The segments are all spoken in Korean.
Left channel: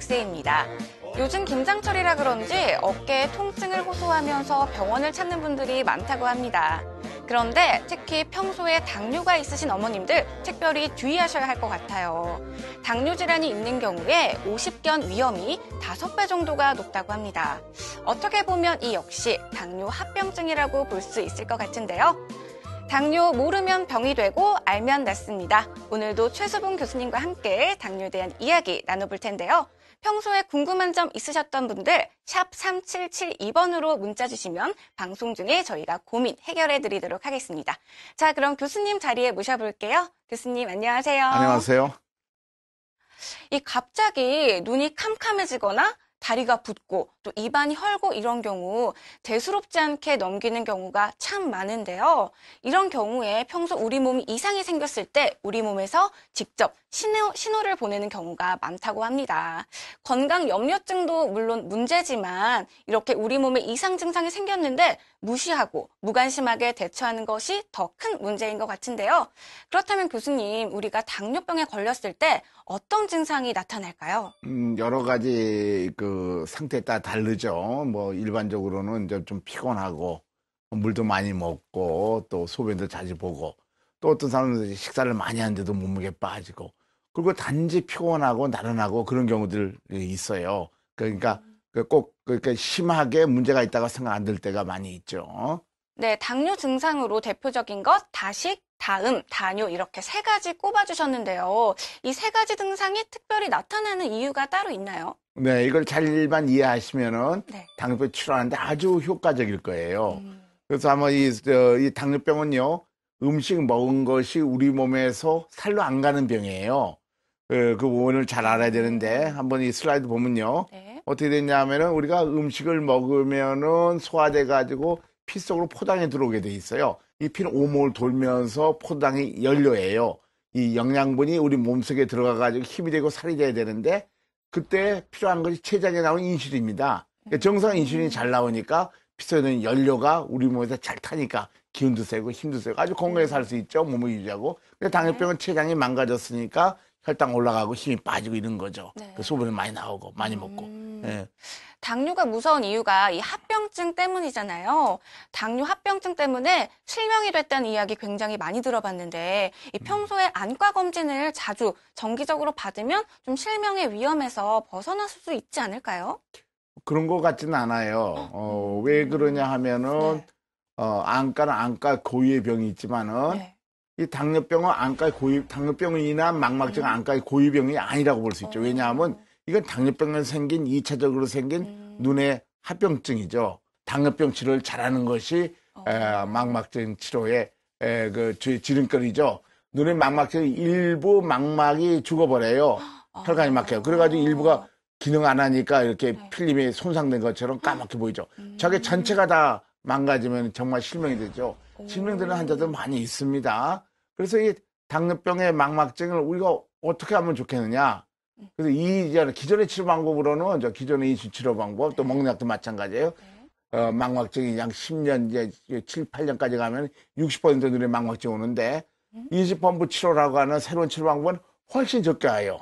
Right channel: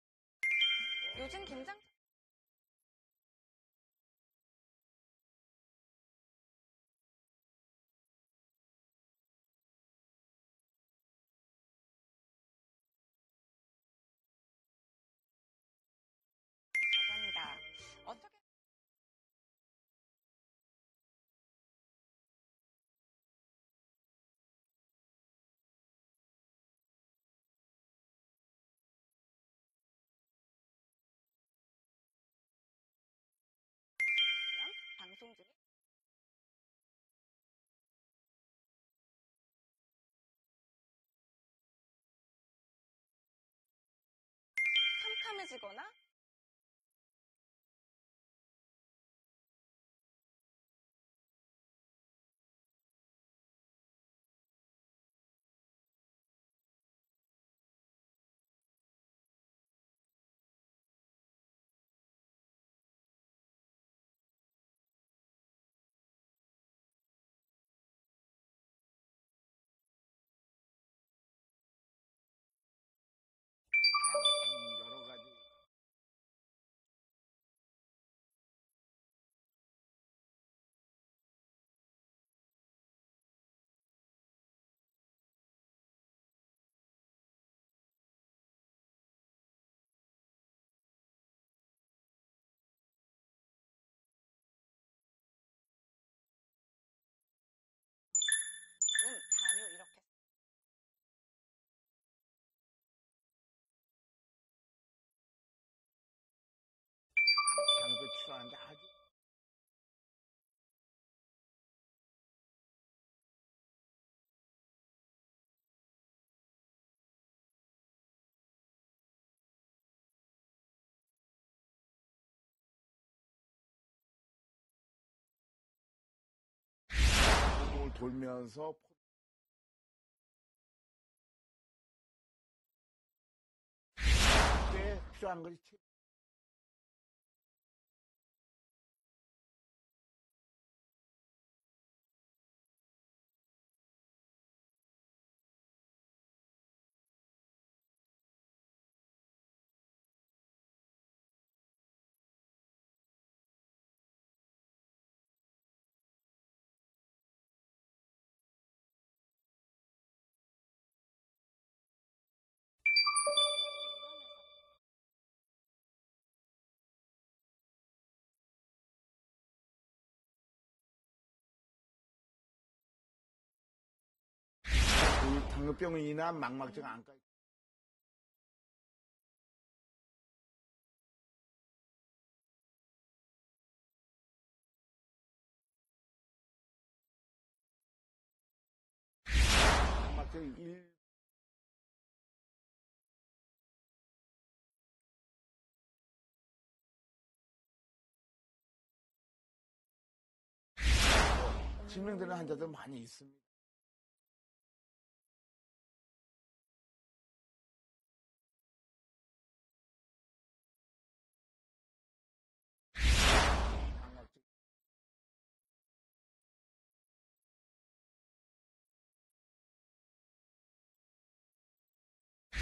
박세희입니다. 요즘 김장철이라 그런지 어깨에 통증을 호소하면서 병원을 찾는 분들이 많다고 합니다. 그런데 특히 평소에 당뇨가 있으신 어머님들 특별히 주의하셔야 할 것 같아요. 당뇨 질환이 있는 경우에 50견 위험이 5배 정도가 높다고 합니다. 어떻게 보면 이 역시 당뇨 합병증이라고 볼 수 있을 것 같은데요. 당뇨 모르면 병이 되고 알면 낫습니다. 오늘도 최수봉 교수님과 함께 당뇨에 대한 이야기 나눠볼 텐데요. 평소에 궁금한 점 있으셨던 분들 샵 3772번으로 문자 주시면 방송 중에 저희가 고민 해결해 드리도록 하겠습니다. 자, 그럼 교수님 자리에 모셔볼게요. 교수님 안녕하세요. 안녕하세요. 갑자기 눈이 캄캄해지거나 다리가 붓고 또 입안이 헐고 이런 경우 대수롭지 않게 넘기는 경우가 참 많은데요. 이런 경우에 평소 우리 몸이 이상이 생겼을 때 우리 몸에서 직접 신호를 보내는 경우가 많다고 합니다. 건강 염려증도 물론 문제지만 이렇게 우리 몸에 이상 증상이 생겼는데 무시하고 무관심하게 대처하는 것이 더 큰 문제인 것 같은데요. 그렇다면 교수님, 우리가 당뇨병에 걸렸을 때 어떤 증상이 나타날까요? 여러 가지 상태에 따라 다르죠. 일반적으로는 이제 좀 피곤하고, 물도 많이 먹고, 또 소변도 자주 보고, 또 어떤 사람은 식사를 많이 하는데도 몸무게 빠지고, 그리고 단지 피곤하고 나른하고 그런 경우들이 있어요. 그러니까 그러니까 심하게 문제가 있다고 생각 안 들 때가 많이 있죠. 네, 당뇨 증상으로 대표적인 것, 다식, 다음, 다뇨 이렇게 3가지 꼽아주셨는데요. 이 3가지 증상이 특별히 나타나는 이유가 따로 있나요? 네, 이걸 잘만 이해하시면은 네. 당뇨병 치료하는데 아주 효과적일 거예요. 그래서 아마 이 당뇨병은요, 음식 먹은 것이 우리 몸에서 살로 안 가는 병이에요. 그 부분을 잘 알아야 되는데, 한번 이 슬라이드 보면요. 네. 어떻게 됐냐면은 우리가 음식을 먹으면은 소화돼가지고 피 속으로 포당이 들어오게 돼 있어요. 이 피는 오목을 돌면서 포당이 연료예요. 이 영양분이 우리 몸속에 들어가가지고 힘이 되고 살이 돼야 되는데, 그때 필요한 것이 췌장에 나오는 인슐린입니다. 그러니까 정상 인슐린이 잘 나오니까 피 속에 있는 연료가 우리 몸에서 잘 타니까 기운도 세고 힘도 세고 아주 건강하게 살 수 있죠. 몸을 유지하고. 근데 당뇨병은 췌장이 망가졌으니까 혈당 올라가고 힘이 빠지고 이런 거죠. 네. 소변이 많이 나오고 많이 먹고. 예. 당뇨가 무서운 이유가 이 합병증 때문이잖아요. 당뇨 합병증 때문에 실명이 됐다는 이야기 굉장히 많이 들어봤는데 이 평소에 안과 검진을 자주 정기적으로 받으면 좀 실명의 위험에서 벗어날 수 있지 않을까요? 그런 것 같지는 않아요. 왜 그러냐 하면은 네. 안과는 안과 고유의 병이 있지만은 네. 이 당뇨병은 당뇨병으로 인한 망막증은 안과의 고유병이 아니라고 볼 수 있죠. 왜냐하면 이건 당뇨병에 생긴 2차적으로 생긴 눈의 합병증이죠. 당뇨병 치료를 잘하는 것이 망막증 치료의 지름길이죠. 눈의 망막증 일부 망막이 죽어버려요. 혈관이 막혀요. 그래가지고 일부가 기능 안 하니까 이렇게 필름이 손상된 것처럼 까맣게 보이죠. 저게 전체가 다 망가지면 정말 실명이 되죠. 실명되는 환자들 많이 있습니다. 그래서 이 당뇨병의 망막증을 우리가 어떻게 하면 좋겠느냐. 그래서 기존의 치료 방법으로는 기존의 인슐린 치료 방법, 또 먹는 약도 마찬가지예요. 망막증이 약 10년, 이제 7, 8년까지 가면 60% 눈에 망막증 오는데, 인슐린 치료라고 하는 새로운 치료 방법은 훨씬 적게 와요.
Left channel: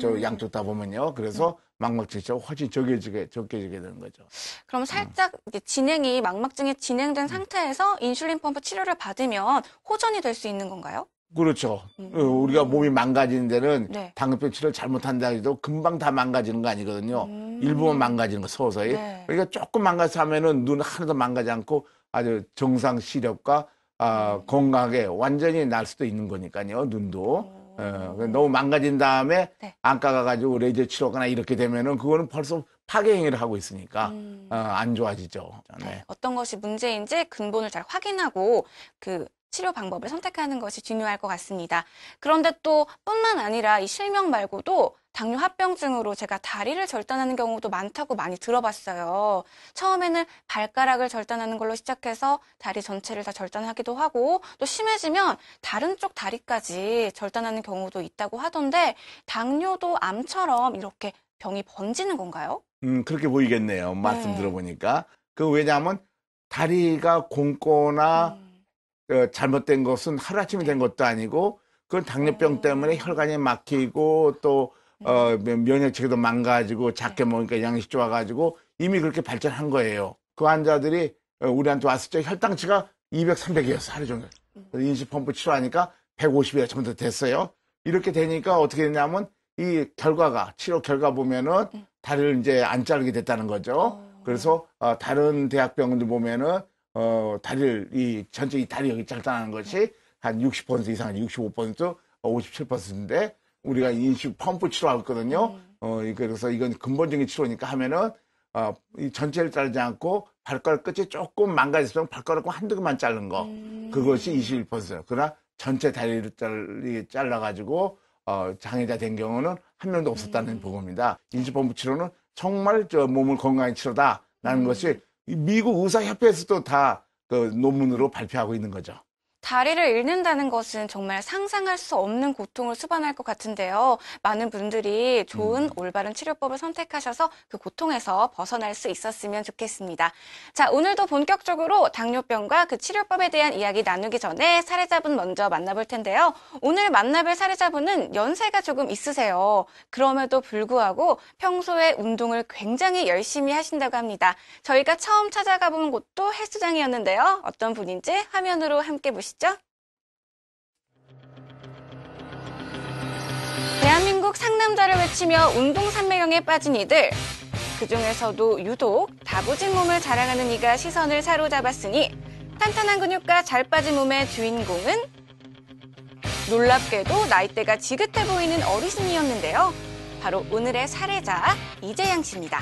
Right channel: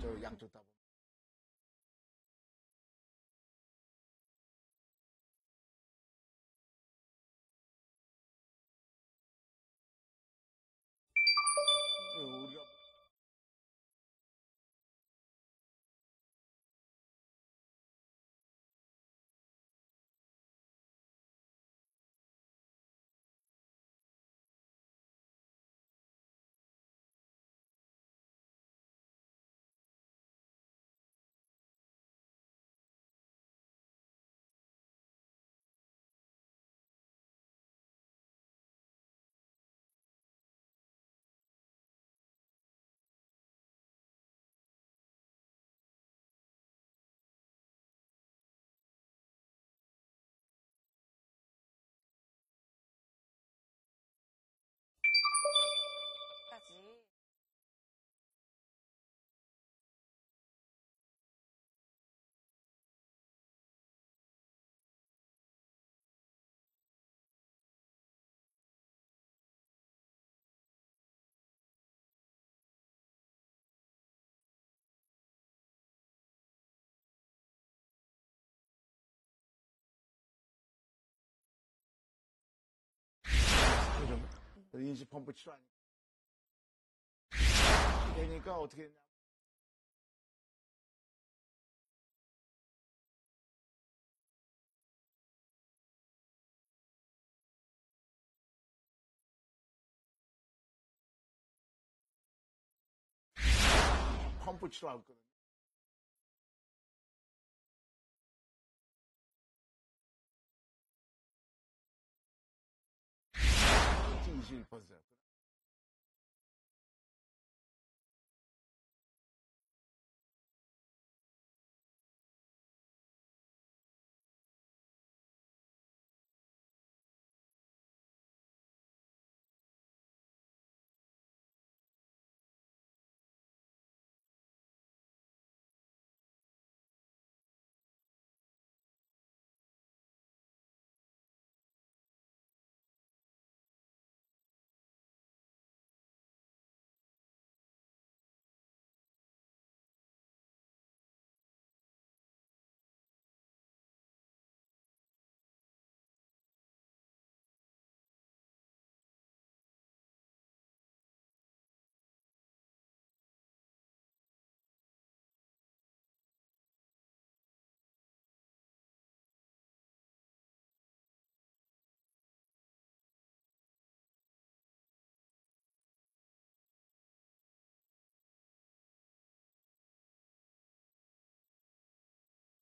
저 양쪽 다 보면요. 그래서 망막증이 훨씬 적게 되는 거죠. 그럼 살짝 이제 망막증이 진행된 상태에서 인슐린 펌프 치료를 받으면 호전이 될 수 있는 건가요? 그렇죠. 우리가 몸이 망가지는 데는 네. 당뇨병 치료를 잘못한다 해도 금방 다 망가지는 거 아니거든요. 일부만 망가지는 거, 서서히. 네. 그러니까 조금 망가져 하면은 눈 하나도 망가지 않고 아주 정상 시력과 건강하게 완전히 날 수도 있는 거니까요, 눈도. 너무 망가진 다음에 네. 안과 가가지고 레이저 치료거나 이렇게 되면은 그거는 벌써 파괴 행위를 하고 있으니까 안 좋아지죠. 네. 어떤 것이 문제인지 근본을 잘 확인하고 그 치료 방법을 선택하는 것이 중요할 것 같습니다. 그런데 또 뿐만 아니라 이 실명 말고도 당뇨 합병증으로 제가 다리를 절단하는 경우도 많다고 많이 들어봤어요. 처음에는 발가락을 절단하는 걸로 시작해서 다리 전체를 다 절단하기도 하고 또 심해지면 다른 쪽 다리까지 절단하는 경우도 있다고 하던데 당뇨도 암처럼 이렇게 병이 번지는 건가요? 그렇게 보이겠네요. 말씀 네. 들어보니까. 왜냐하면 다리가 곪거나 잘못된 것은 하루아침에 된 것도 아니고, 그건 당뇨병 때문에 혈관이 막히고 또 면역 체계도 망가지고 작게 먹으니까 양식 좋아가지고 이미 그렇게 발전한 거예요. 그 환자들이 우리한테 왔을 때 혈당치가 200, 300이었어 하루 종일. 인수펌프 치료하니까 150이 정도 됐어요. 이렇게 되니까 어떻게 됐냐면 이 결과가 치료 결과 보면은 다리를 이제 안 자르게 됐다는 거죠. 그래서 다른 대학병원들 보면은 다리를 이 전체 이 다리 여기 짧다는 것이 한 60% 이상, 65%, 57%인데 우리가 인수 펌프 치료하고 있거든요. 그래서 이건 근본적인 치료니까 하면은 이 전체를 자르지 않고 발가락 끝이 조금 망가졌으면 발가락 한두 개만 자른 거 그것이 21%예요. 그러나 전체 다리를 잘라가지고 장애자 된 경우는 한 명도 없었다는 보고입니다. 인수펌프 치료는 정말 몸을 건강히 치료다라는 것이 미국 의사협회에서도 다 그 논문으로 발표하고 있는 거죠. 다리를 잃는다는 것은 정말 상상할 수 없는 고통을 수반할 것 같은데요. 많은 분들이 좋은 올바른 치료법을 선택하셔서 그 고통에서 벗어날 수 있었으면 좋겠습니다. 자, 오늘도 본격적으로 당뇨병과 그 치료법에 대한 이야기 나누기 전에 사례자분 먼저 만나볼 텐데요. 오늘 만나볼 사례자분은 연세가 조금 있으세요. 그럼에도 불구하고 평소에 운동을 굉장히 열심히 하신다고 합니다. 저희가 처음 찾아가 본 곳도 헬스장이었는데요. 어떤 분인지 화면으로 함께 보시죠. 대한민국 상남자를 외치며 운동산매경에 빠진 이들. 그중에서도 유독 다부진 몸을 자랑하는 이가 시선을 사로잡았으니 탄탄한 근육과 잘 빠진 몸의 주인공은 놀랍게도 나이대가 지긋해 보이는 어르신이었는데요. 바로 오늘의 사례자 이재양 씨입니다.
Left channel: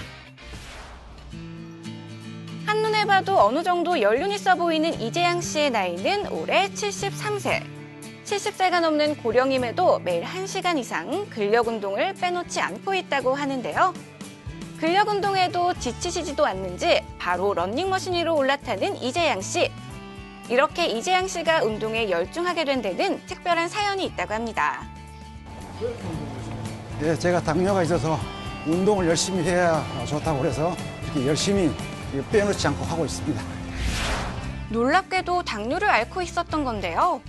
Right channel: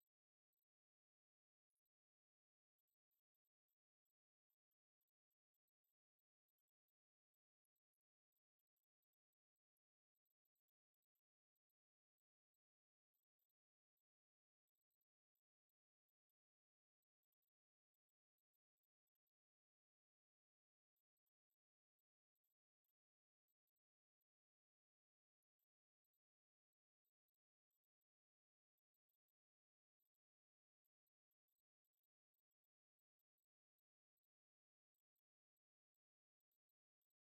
한눈에 봐도 어느 정도 연륜 있어 보이는 이재양 씨의 나이는 올해 73세. 70세가 넘는 고령임에도 매일 1시간 이상 근력 운동을 빼놓지 않고 있다고 하는데요. 근력 운동에도 지치시지도 않는지 바로 러닝머신 위로 올라타는 이재양 씨. 이렇게 이재양 씨가 운동에 열중하게 된 데는 특별한 사연이 있다고 합니다. 네, 제가 당뇨가 있어서 운동을 열심히 해야 좋다고 그래서 이렇게 열심히 빼놓지 않고 하고 있습니다. 놀랍게도 당뇨를 앓고 있었던 건데요.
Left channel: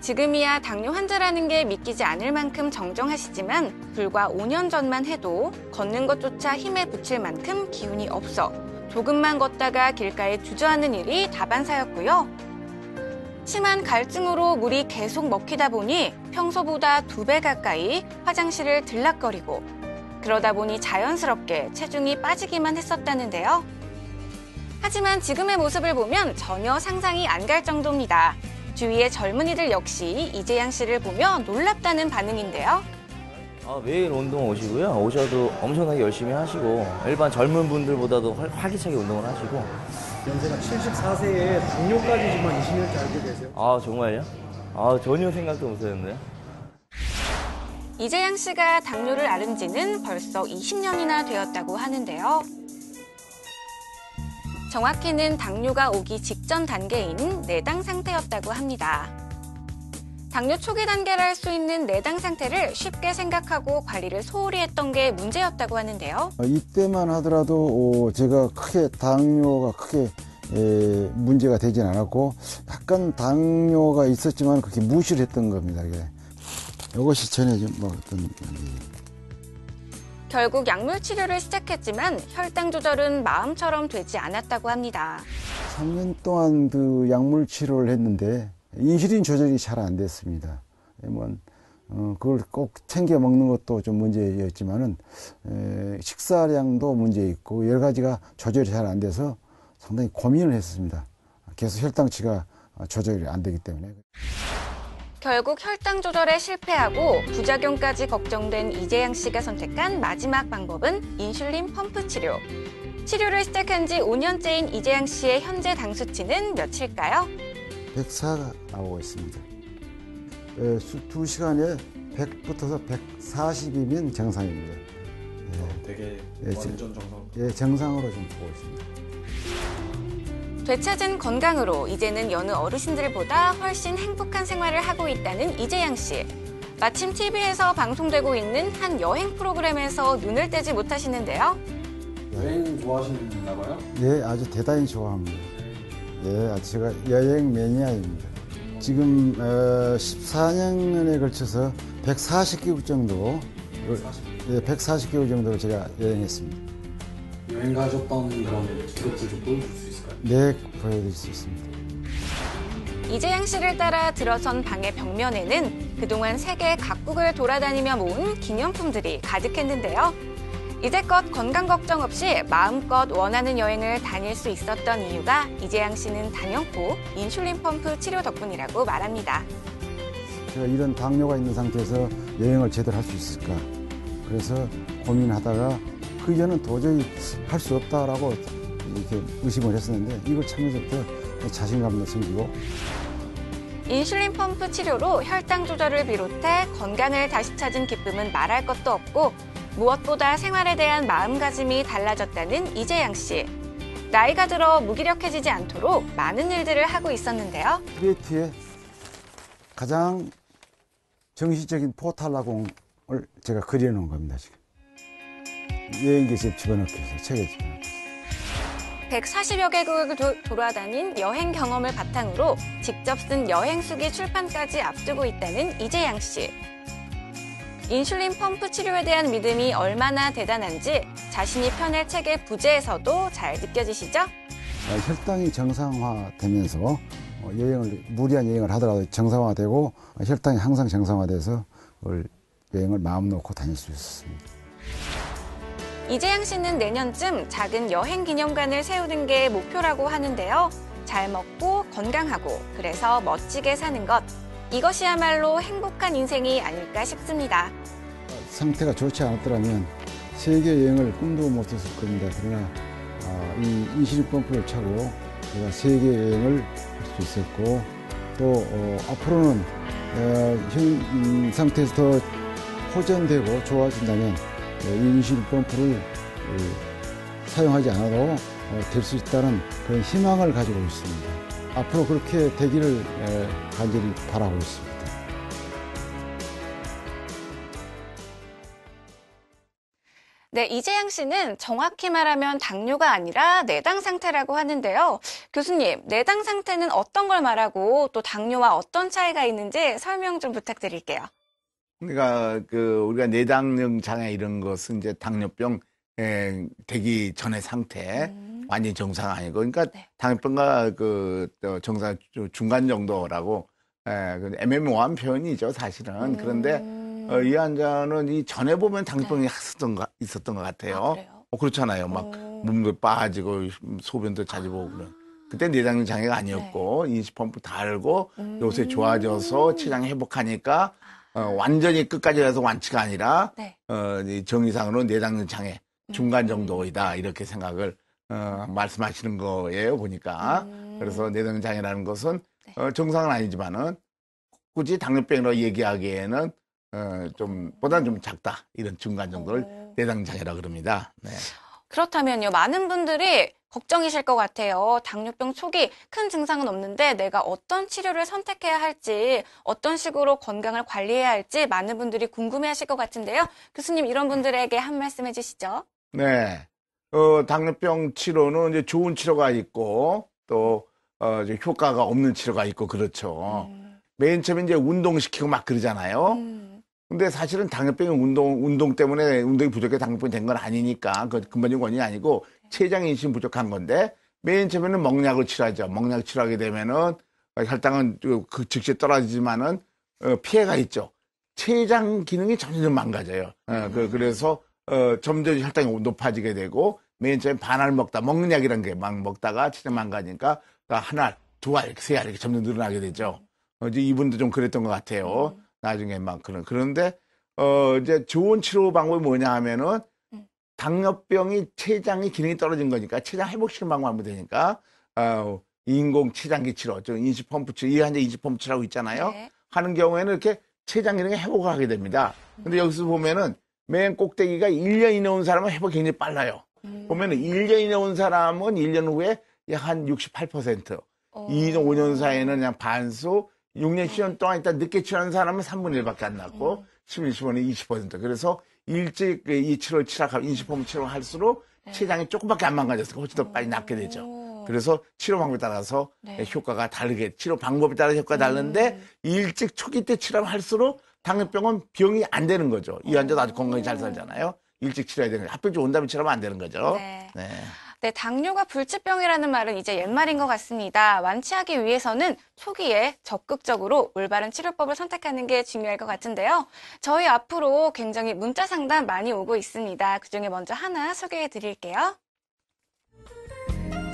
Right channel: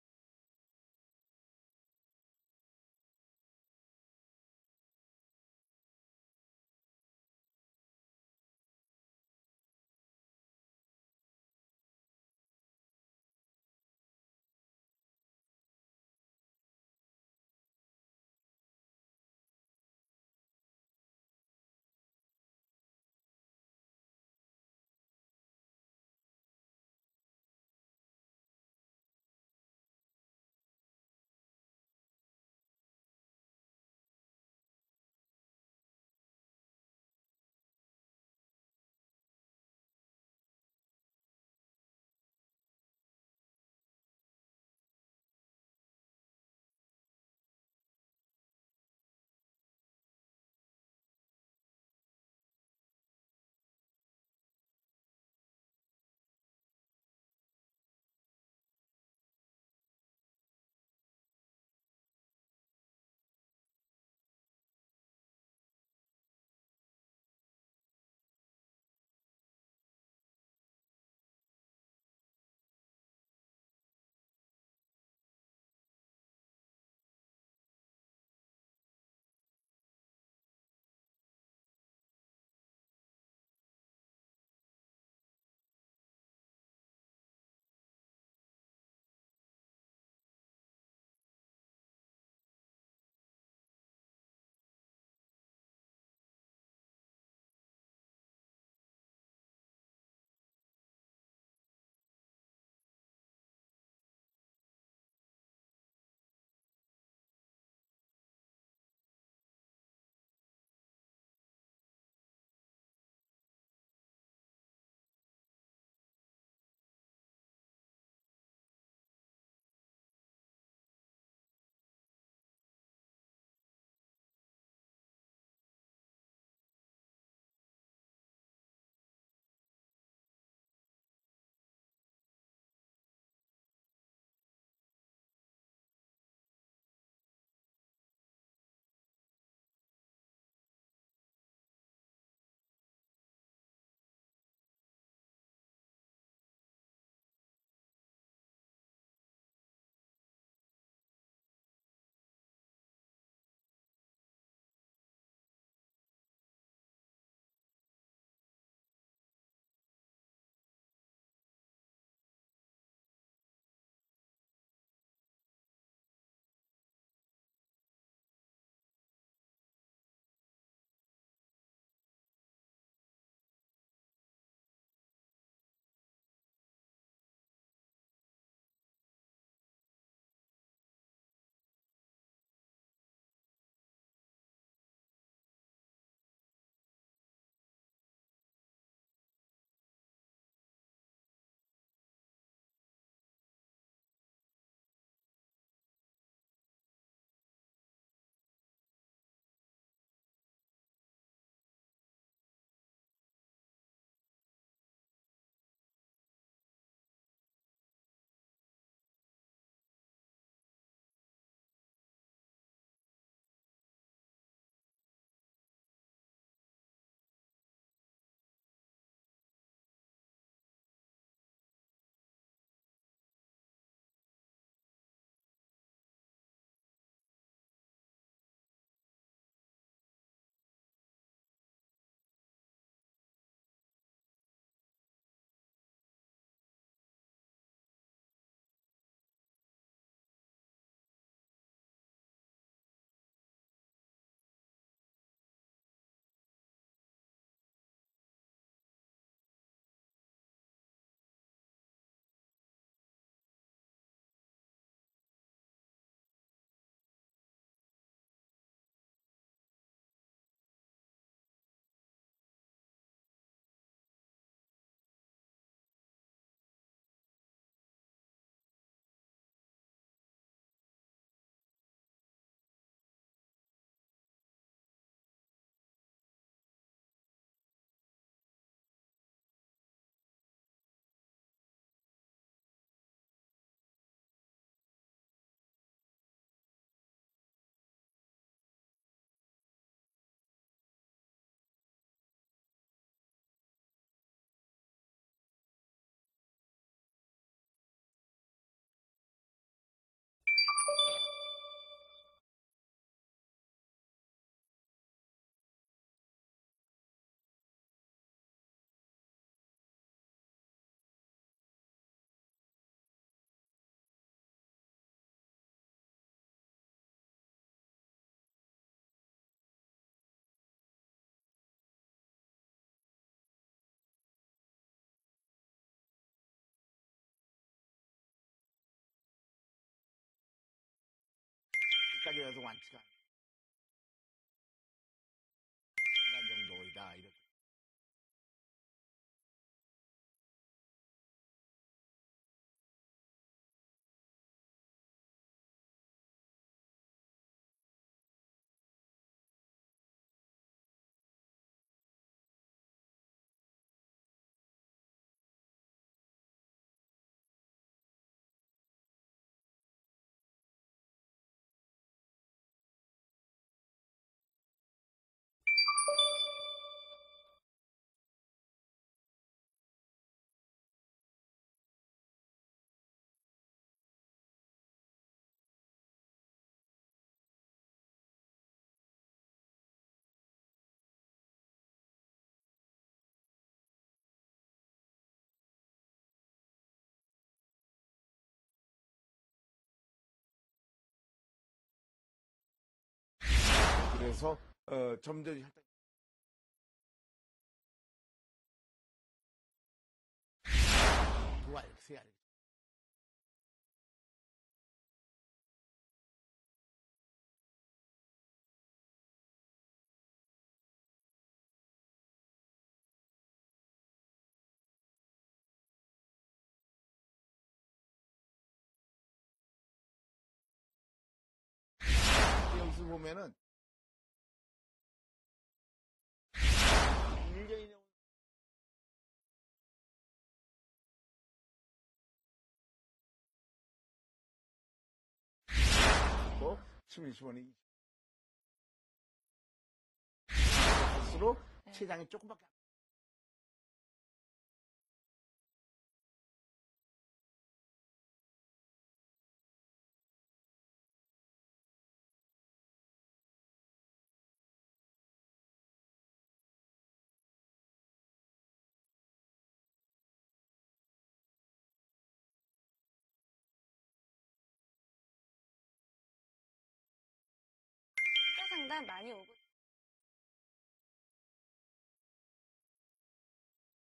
지금이야 당뇨 환자라는 게 믿기지 않을 만큼 정정하시지만 불과 5년 전만 해도 걷는 것조차 힘에 부칠 만큼 기운이 없어 조금만 걷다가 길가에 주저앉는 일이 다반사였고요. 심한 갈증으로 물이 계속 먹히다 보니 평소보다 2배 가까이 화장실을 들락거리고 그러다 보니 자연스럽게 체중이 빠지기만 했었다는데요. 하지만 지금의 모습을 보면 전혀 상상이 안 갈 정도입니다. 주위의 젊은이들 역시 이재양 씨를 보며 놀랍다는 반응인데요. 매일 운동 오시고요. 오셔도 엄청나게 열심히 하시고 일반 젊은 분들보다도 활기차게 운동을 하시고. 연세가 74세에 당뇨까지 지금 20년째 알게 되세요? 정말요? 전혀 생각도 못했는데요. 이재양 씨가 당뇨를 앓은 지는 벌써 20년이나 되었다고 하는데요. 정확히는 당뇨가 오기 직전 단계인 내당 상태였다고 합니다. 당뇨 초기 단계를 할 수 있는 내당 상태를 쉽게 생각하고 관리를 소홀히 했던 게 문제였다고 하는데요. 이때만 하더라도 제가 당뇨가 크게 문제가 되진 않았고 약간 당뇨가 있었지만 그렇게 무시를 했던 겁니다. 이것이 전에 어떤 결국 약물 치료를 시작했지만 혈당 조절은 마음처럼 되지 않았다고 합니다. 3년 동안 그 약물 치료를 했는데 인슐린 조절이 잘 안 됐습니다. 그걸 꼭 챙겨 먹는 것도 좀 문제였지만은 식사량도 문제 있고 여러 가지가 조절이 잘 안 돼서 상당히 고민을 했습니다. 계속 혈당치가 조절이 안 되기 때문에. 결국 혈당 조절에 실패하고 부작용까지 걱정된 이재양 씨가 선택한 마지막 방법은 인슐린 펌프 치료. 치료를 시작한 지 5년째인 이재양 씨의 현재 당 수치는 몇일까요? 104가 나오고 있습니다. 2시간에 100부터서 140이면 정상입니다. 되게 완전 정상. 정상으로 좀 보고 있습니다. 되찾은 건강으로 이제는 여느 어르신들보다 훨씬 행복한 생활을 하고 있다는 이재양 씨. 마침 TV에서 방송되고 있는 한 여행 프로그램에서 눈을 떼지 못하시는데요. 여행 좋아하시나 봐요? 예, 아주 대단히 좋아합니다. 예, 제가 여행 매니아입니다. 지금 14년에 걸쳐서 140개국 정도 예, 140개월 정도 제가 여행했습니다. 여행 가셨던 그런 기록들 좀 보여줄 수 있을까요? 네, 보여드릴 수 있습니다. 이재양 씨를 따라 들어선 방의 벽면에는 그동안 세계 각국을 돌아다니며 모은 기념품들이 가득했는데요. 이제껏 건강 걱정 없이 마음껏 원하는 여행을 다닐 수 있었던 이유가 이재양 씨는 단연코 인슐린 펌프 치료 덕분이라고 말합니다. 제가 이런 당뇨가 있는 상태에서 여행을 제대로 할 수 있을까. 그래서 고민하다가 그 이전은 도저히 할 수 없다라고 이렇게 의심을 했었는데 이걸 참으면서부터 자신감도 생기고. 인슐린 펌프 치료로 혈당 조절을 비롯해 건강을 다시 찾은 기쁨은 말할 것도 없고 무엇보다 생활에 대한 마음가짐이 달라졌다는 이재양 씨. 나이가 들어 무기력해지지 않도록 많은 일들을 하고 있었는데요. 크리에이트의 가장 정신적인 포탈라공을 제가 그려놓은 겁니다, 지금. 여행기에 집어넣기 위해서, 책에 집어넣기 위해서. 140여 개국을 돌아다닌 여행 경험을 바탕으로 직접 쓴 여행수기 출판까지 앞두고 있다는 이재양 씨. 인슐린 펌프 치료에 대한 믿음이 얼마나 대단한지 자신이 펴낼 책의 부제에서도 잘 느껴지시죠? 혈당이 정상화되면서 무리한 여행을 하더라도 정상화되고 혈당이 항상 정상화돼서 여행을 마음 놓고 다닐 수 있었습니다. 이재양 씨는 내년쯤 작은 여행 기념관을 세우는 게 목표라고 하는데요. 잘 먹고 건강하고 그래서 멋지게 사는 것. 이것이야말로 행복한 인생이 아닐까 싶습니다. 상태가 좋지 않았더라면 세계 여행을 꿈도 못했을 겁니다. 그러나 이 인슐린 펌프를 차고 제가 세계 여행을 할 수 있었고 또 앞으로는 현 상태에서 더 호전되고 좋아진다면 이 인슐린 펌프를 사용하지 않아도 될 수 있다는 그런 희망을 가지고 있습니다. 앞으로 그렇게 되기를 간절히 바라고 있습니다. 네, 이재양 씨는 정확히 말하면 당뇨가 아니라 내당 상태라고 하는데요. 교수님, 내당 상태는 어떤 걸 말하고 또 당뇨와 어떤 차이가 있는지 설명 좀 부탁드릴게요. 그러니까 우리가 내당능 장애 이런 것은 이제 당뇨병 되기 전의 상태, 완전히 정상 아니고, 그러니까 네. 당뇨병과 정상 중간 정도라고 애매모호한 표현이죠, 사실은. 그런데 이 환자는 이 전에 보면 당뇨병이 있었던 것 같아요. 아, 그래요? 그렇잖아요. 막 몸도 빠지고 소변도 자주 보고 그런. 그때 내당 장애가 아니었고 인슐린 펌프 달고 요새 좋아져서 체장 회복하니까 완전히 끝까지 가서 완치가 아니라 네. 이 정의상으로 내당 장애 중간 정도이다 이렇게 생각을 말씀하시는 거예요 보니까. 그래서 내당 장애라는 것은 정상은 아니지만은 굳이 당뇨병이라고 얘기하기에는 보다는 좀 작다 이런 중간 정도를 내당 장애라고 그럽니다. 네. 그렇다면요, 많은 분들이 걱정이실 것 같아요. 당뇨병 초기 큰 증상은 없는데 내가 어떤 치료를 선택해야 할지, 어떤 식으로 건강을 관리해야 할지 많은 분들이 궁금해하실 것 같은데요. 교수님, 이런 분들에게 한 말씀 해주시죠. 네. 당뇨병 치료는 이제 좋은 치료가 있고 또 이제 효과가 없는 치료가 있고 그렇죠. 맨 처음에 이제 운동시키고 막 그러잖아요. 근데 사실은 당뇨병이 운동 때문에 운동이 부족해 당뇨병이 된 건 아니니까 그 근본적인 원인이 아니고 췌장 인슐린 부족한 건데 맨 처음에는 먹약을 치료하죠. 먹약 치료하게 되면은 혈당은 즉시 떨어지지만은 피해가 있죠. 췌장 기능이 점점 망가져요. 그래서 점점 혈당이 높아지게 되고 맨 처음에 반알 먹는 약이라는 게 막 먹다가 췌장 망가지니까 한 알, 두 알, 세 알 이렇게 점점 늘어나게 되죠. 이제 이분도 좀 그랬던 것 같아요. 나중에 막 그런데 이제 좋은 치료 방법이 뭐냐 하면은 당뇨병이 췌장의 기능이 떨어진 거니까 췌장 회복시키는 방법 하면 되니까 인공 췌장기 치료, 인슐린 펌프 치료, 이 환자 인슐린 펌프 치료라고 있잖아요. 네. 하는 경우에는 이렇게 췌장 기능이 회복을 하게 됩니다. 근데 여기서 보면은 맨 꼭대기가 1년 이내 온 사람은 회복이 굉장히 빨라요. 보면은 1년 이내 온 사람은 1년 후에 약 한 68%, 2년, 5년 사이에는 그냥 반수, 6년, 10년 동안 일단 늦게 치료하는 사람은 3분의 1밖에 안 났고, 10년, 15년에 20%. 그래서 일찍 이 치료를 치료하고 인슐린 치료를 할수록 췌장이 조금밖에 안 망가졌으니까 훨씬 더 빨리 낫게 되죠. 그래서 치료 방법에 따라서 효과가 다르게, 치료 방법에 따라 효과가 다른데 일찍 초기 때 치료를 할수록 당뇨병은 병이 안 되는 거죠. 이 환자도 아주 건강히 잘 살잖아요. 일찍 치료해야 되는 거죠. 합병증 온 다음에 치료하면 안 되는 거죠. 네. 네. 네, 당뇨가 불치병이라는 말은 이제 옛말인 것 같습니다. 완치하기 위해서는 초기에 적극적으로 올바른 치료법을 선택하는 게 중요할 것 같은데요. 저희 앞으로 굉장히 문자 상담 많이 오고 있습니다. 그중에 먼저 하나 소개해 드릴게요.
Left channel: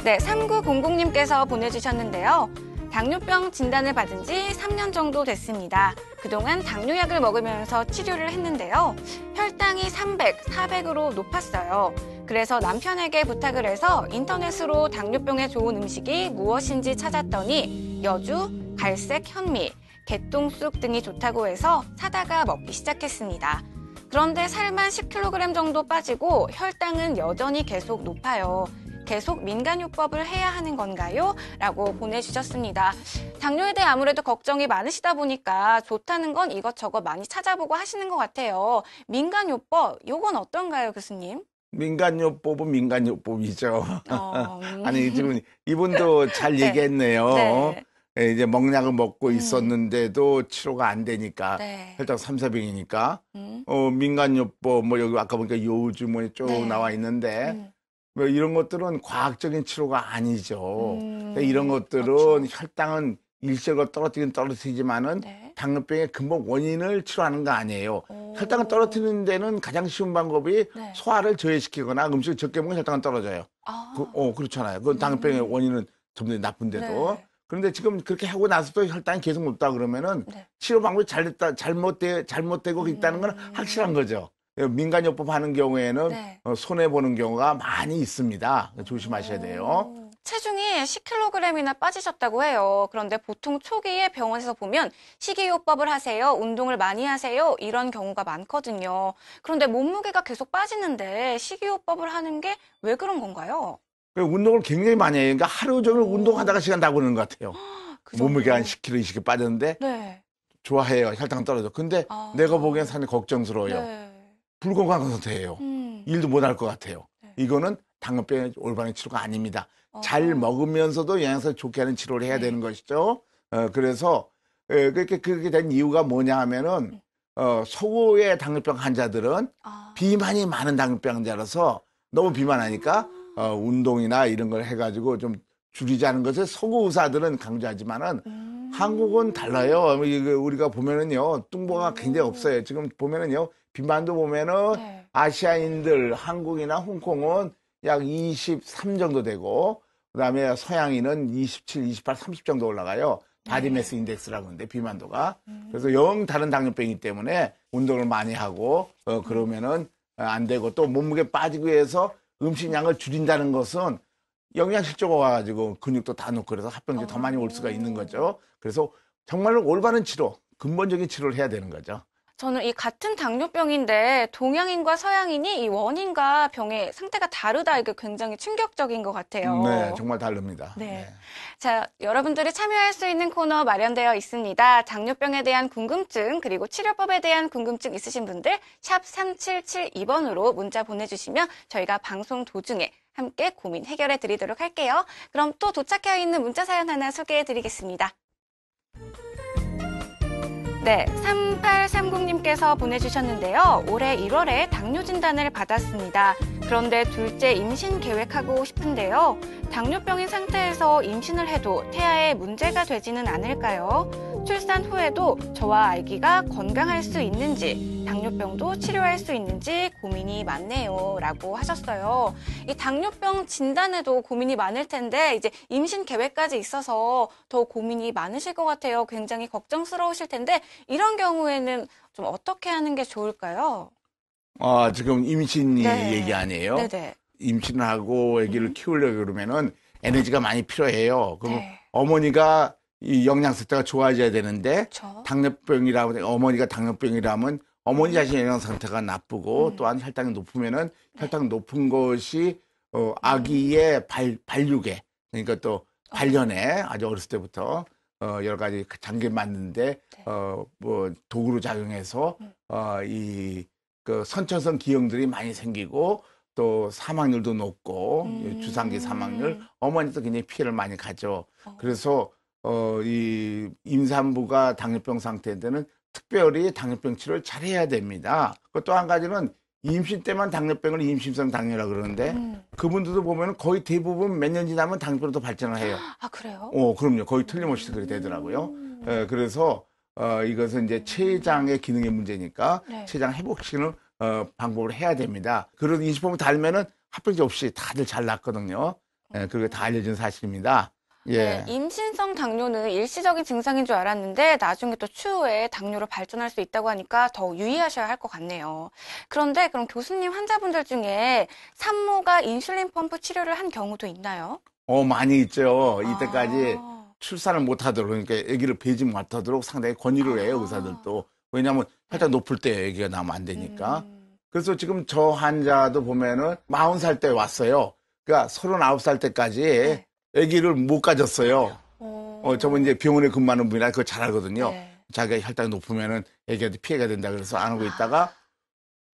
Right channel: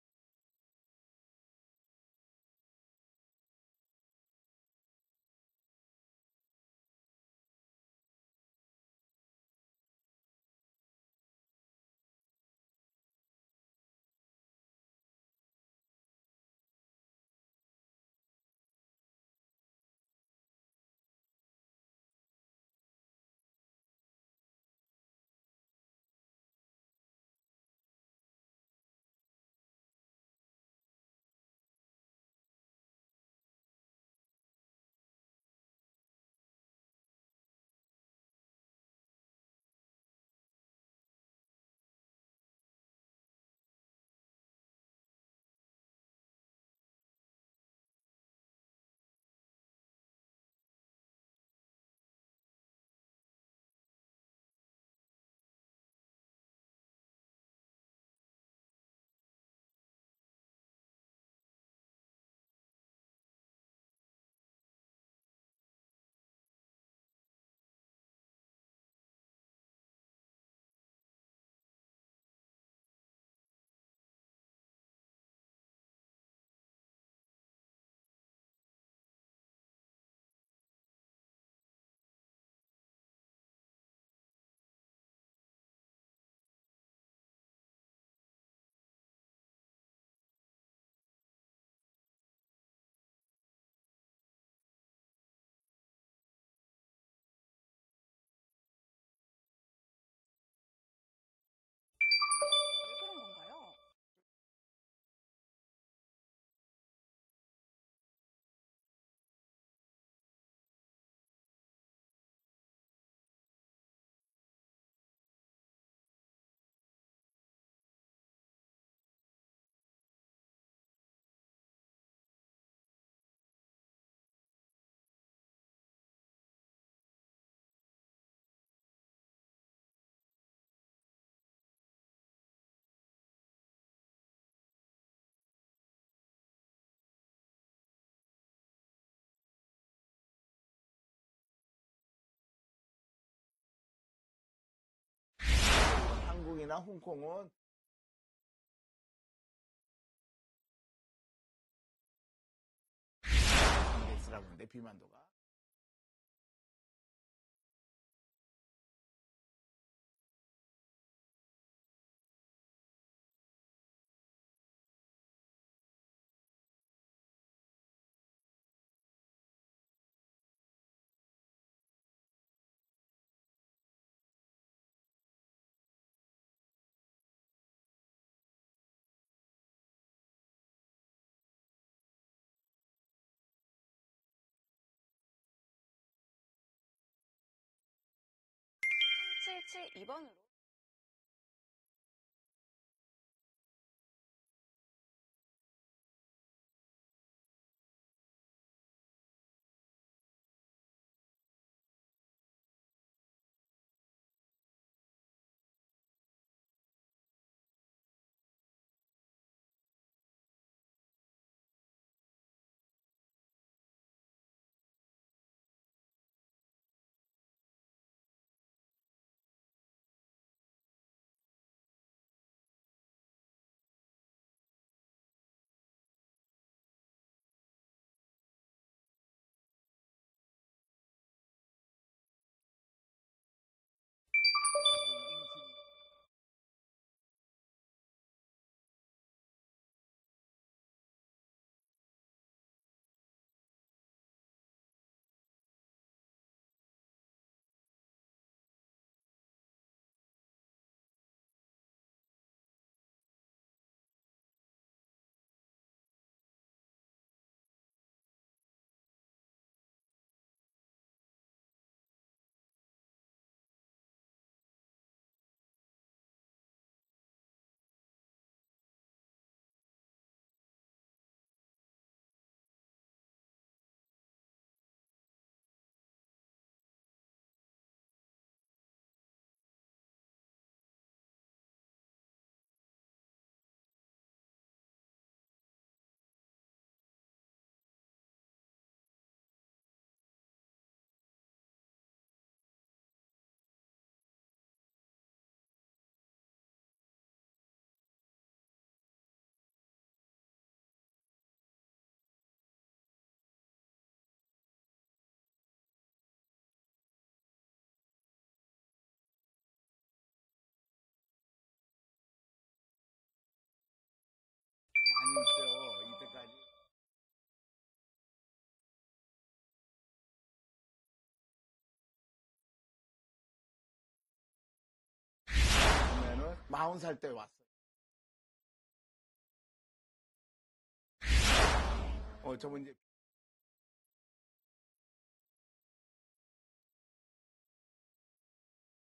네, 3900님께서 보내주셨는데요. 당뇨병 진단을 받은 지 3년 정도 됐습니다. 그동안 당뇨약을 먹으면서 치료를 했는데요. 혈당이 300, 400으로 높았어요. 그래서 남편에게 부탁을 해서 인터넷으로 당뇨병에 좋은 음식이 무엇인지 찾았더니 여주, 갈색 현미, 개똥쑥 등이 좋다고 해서 사다가 먹기 시작했습니다. 그런데 살만 10kg 정도 빠지고 혈당은 여전히 계속 높아요. 계속 민간요법을 해야 하는 건가요? 라고 보내주셨습니다. 당뇨에 대해 아무래도 걱정이 많으시다 보니까 좋다는 건 이것저것 많이 찾아보고 하시는 것 같아요. 민간요법, 요건 어떤가요, 교수님? 민간요법은 민간요법이죠. 어, 아니, 지금 이분도 잘 네. 얘기했네요. 네. 예, 이제 먹약을 먹고 있었는데도 치료가 안 되니까 네. 혈당 3, 400이니까 음, 민간요법 뭐 여기 아까 보니까 요즘 뭐 쭉 네. 나와 있는데 뭐 이런 것들은 과학적인 치료가 아니죠. 이런 것들은 그렇죠. 혈당은 일시적으로 떨어뜨리긴 떨어뜨리지만은 네. 당뇨병의 근본 원인을 치료하는 거 아니에요. 오. 혈당을 떨어뜨리는 데는 가장 쉬운 방법이 네. 소화를 저해시키거나 음식을 적게 먹으면 혈당은 떨어져요. 아, 그렇잖아요. 그건 당뇨병의 원인은 점점 나쁜데도. 네. 그런데 지금 그렇게 하고 나서도 혈당이 계속 높다 그러면은 네. 치료 방법이 잘못되고 있다는 건 확실한 거죠. 민간요법 하는 경우에는 네. 손해보는 경우가 많이 있습니다. 조심하셔야 돼요. 체중이 10kg이나 빠지셨다고 해요. 그런데 보통 초기에 병원에서 보면 식이요법을 하세요, 운동을 많이 하세요, 이런 경우가 많거든요. 그런데 몸무게가 계속 빠지는데 식이요법을 하는 게 왜 그런 건가요? 운동을 굉장히 많이 해요. 그러니까 하루 종일 운동하다가 시간 다 보는 것 같아요. 그 몸무게 한 정도로? 10kg, 20kg 빠졌는데 네. 좋아해요. 혈당 떨어져. 근데 아. 내가 보기엔 상당히 걱정스러워요. 네. 불건강한 상태예요. 일도 못 할 것 같아요. 네. 이거는 당뇨병의 올바른 치료가 아닙니다. 어허. 잘 먹으면서도 영양소를 좋게 하는 치료를 해야 네. 되는 것이죠. 그래서 그렇게 된 이유가 뭐냐 하면은 소수의 당뇨병 환자들은 아. 비만이 많은 당뇨병 환자라서 너무 비만하니까 운동이나 이런 걸 해가지고 좀 줄이자는 것을 서구 의사들은 강조하지만은 한국은 달라요. 우리가 보면은요, 뚱보가 굉장히 없어요. 지금 보면은요, 비만도 보면은 네. 아시아인들, 한국이나 홍콩은 약 23 정도 되고, 그 다음에 서양인은 27, 28, 30 정도 올라가요. 바디매스 인덱스라고 하는데, 비만도가. 그래서 영 다른 당뇨병이기 때문에 운동을 많이 하고, 그러면은 안 되고, 또 몸무게 빠지기 위해서 음식량을 줄인다는 것은 영양실조가 와가지고 근육도 다 놓고 그래서 합병증이 더 많이 올 수가 있는 거죠. 그래서 정말로 올바른 치료, 근본적인 치료를 해야 되는 거죠. 저는 이 같은 당뇨병인데 동양인과 서양인이 이 원인과 병의 상태가 다르다, 이게 굉장히 충격적인 것 같아요. 네, 정말 다릅니다. 네. 자, 여러분들이 참여할 수 있는 코너 마련되어 있습니다. 당뇨병에 대한 궁금증, 그리고 치료법에 대한 궁금증 있으신 분들 샵 3772번으로 문자 보내주시면 저희가 방송 도중에 함께 고민 해결해 드리도록 할게요. 그럼 또 도착해 있는 문자 사연 하나 소개해 드리겠습니다. 네, 3830님께서 보내주셨는데요. 올해 1월에 당뇨 진단을 받았습니다. 그런데 둘째 임신 계획하고 싶은데요. 당뇨병인 상태에서 임신을 해도 태아에 문제가 되지는 않을까요? 출산 후에도 저와 아기가 건강할 수 있는지, 당뇨병도 치료할 수 있는지 고민이 많네요. 라고 하셨어요. 이 당뇨병 진단에도 고민이 많을 텐데 이제 임신 계획까지 있어서 더 고민이 많으실 것 같아요. 굉장히 걱정스러우실 텐데 이런 경우에는 좀 어떻게 하는 게 좋을까요? 지금 임신 네. 얘기 아니에요? 네네. 임신을 하고 아기를 키우려고 그러면은 에너지가 많이 필요해요. 그럼 네. 어머니가 이 영양 상태가 좋아져야 되는데 그렇죠. 어머니가 당뇨병이라면 어머니 자신의 영양 상태가 나쁘고 또한 혈당이 높으면은 혈당 높은 것이 아기의 발육에, 그러니까 또 발현에 아주 어렸을 때부터 여러 가지 장기 맞는데 뭐 도구로 작용해서 그 선천성 기형들이 많이 생기고 또 사망률도 높고 주상기 사망률, 어머니도 굉장히 피해를 많이 가죠. 그래서 이 임산부가 당뇨병 상태에는 특별히 당뇨병 치료를 잘해야 됩니다. 또 한 가지는 임신 때만 당뇨병을 임신성 당뇨라 그러는데 그분들도 보면 거의 대부분 몇 년 지나면 당뇨병으로 발전을 해요. 아, 그래요? 그럼요. 거의 틀림없이 그렇게 되더라고요. 그래서 이것은 이제 췌장의 기능의 문제니까 네. 췌장 회복시키는 방법을 해야 됩니다. 그런 인식법을 달면은 합병증 없이 다들 잘 낫거든요. 그게 다 알려진 사실입니다. 예. 네, 임신성 당뇨는 일시적인 증상인 줄 알았는데 나중에 또 추후에 당뇨로 발전할 수 있다고 하니까 더 유의하셔야 할 것 같네요. 그런데 그럼 교수님 환자분들 중에 산모가 인슐린 펌프 치료를 한 경우도 있나요? 많이 있죠. 이때까지 아, 출산을 못하도록, 그러니까 아기를 배지 못하도록 상당히 권유를 해요, 의사들도. 왜냐하면 살짝 높을 때 아기가 나오면 안 되니까. 그래서 지금 저 환자도 보면은 40살 때 왔어요. 그러니까 39살 때까지 네. 아기를 못 가졌어요. 저번 이제 병원에 근무하는 분이라 그거 잘 알거든요. 네. 자기가 혈당이 높으면은 아기한테 피해가 된다 그래서 안 하고 있다가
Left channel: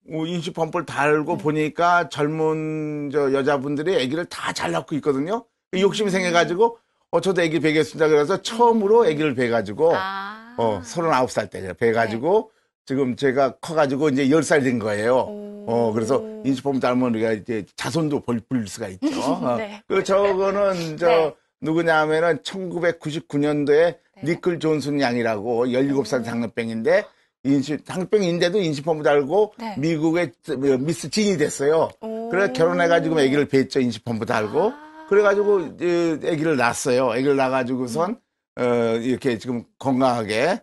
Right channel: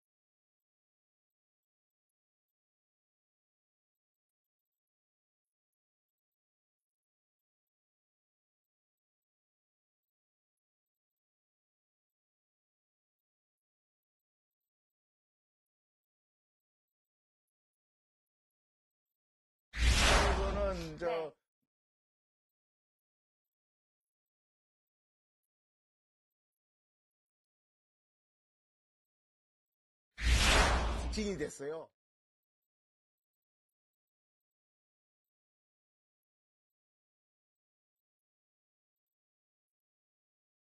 인슐린 펌프를 달고 보니까 젊은 여자분들이 아기를 다 잘 낳고 있거든요. 욕심이 생겨가지고 저도 아기 배겠습니다. 그래서 처음으로 아기를 배가지고 아. 39살 때 배가지고 지금 제가 커가지고 이제 10살 된 거예요. 그래서 인슐린 펌프 달면 우리가 이제 자손도 불릴 수가 있죠. 네. 그 저거는 네. 누구냐 하면은 1999년도에 니클 존슨 양이라고 17살 당뇨병인데 당뇨병인데도 인슐린 펌프 달고 네. 미국의 미스 진이 됐어요. 그래 결혼해가지고 아기를 뱄죠. 인슐린 펌프 달고. 그래가지고 아기를 낳았어요. 아기를 낳아가지고선 이렇게 지금 건강하게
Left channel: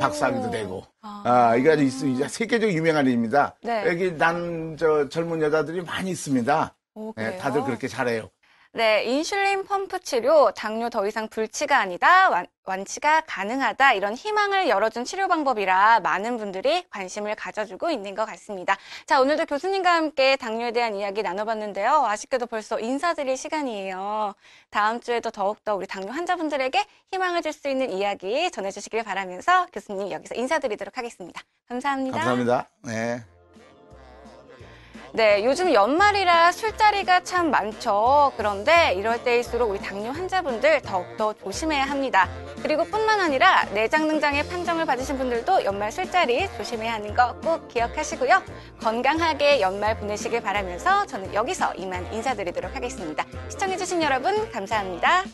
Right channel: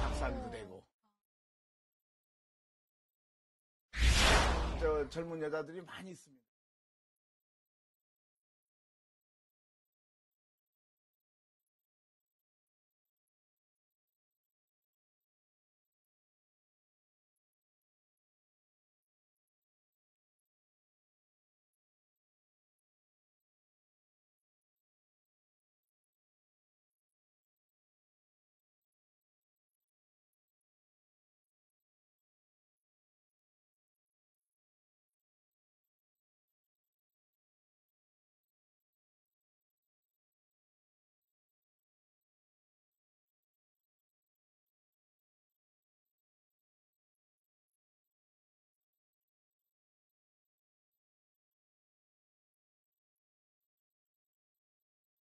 박사학위도 되고. 이게 아주 세계적으로 유명한 일입니다. 네. 여기 젊은 여자들이 많이 있습니다. 오, 네, 그래요? 다들 그렇게 잘해요. 네, 인슐린 펌프 치료, 당뇨 더 이상 불치가 아니다, 완치가 가능하다, 이런 희망을 열어준 치료 방법이라 많은 분들이 관심을 가져주고 있는 것 같습니다. 자, 오늘도 교수님과 함께 당뇨에 대한 이야기 나눠봤는데요. 아쉽게도 벌써 인사드릴 시간이에요. 다음 주에도 더욱더 우리 당뇨 환자분들에게 희망을 줄 수 있는 이야기 전해주시길 바라면서 교수님 여기서 인사드리도록 하겠습니다. 감사합니다. 감사합니다. 네. 네, 요즘 연말이라 술자리가 참 많죠. 그런데 이럴 때일수록 우리 당뇨 환자분들 더욱더 조심해야 합니다. 그리고 뿐만 아니라 내장능장의 판정을 받으신 분들도 연말 술자리 조심해야 하는 거 꼭 기억하시고요. 건강하게 연말 보내시길 바라면서 저는 여기서 이만 인사드리도록 하겠습니다. 시청해주신 여러분 감사합니다.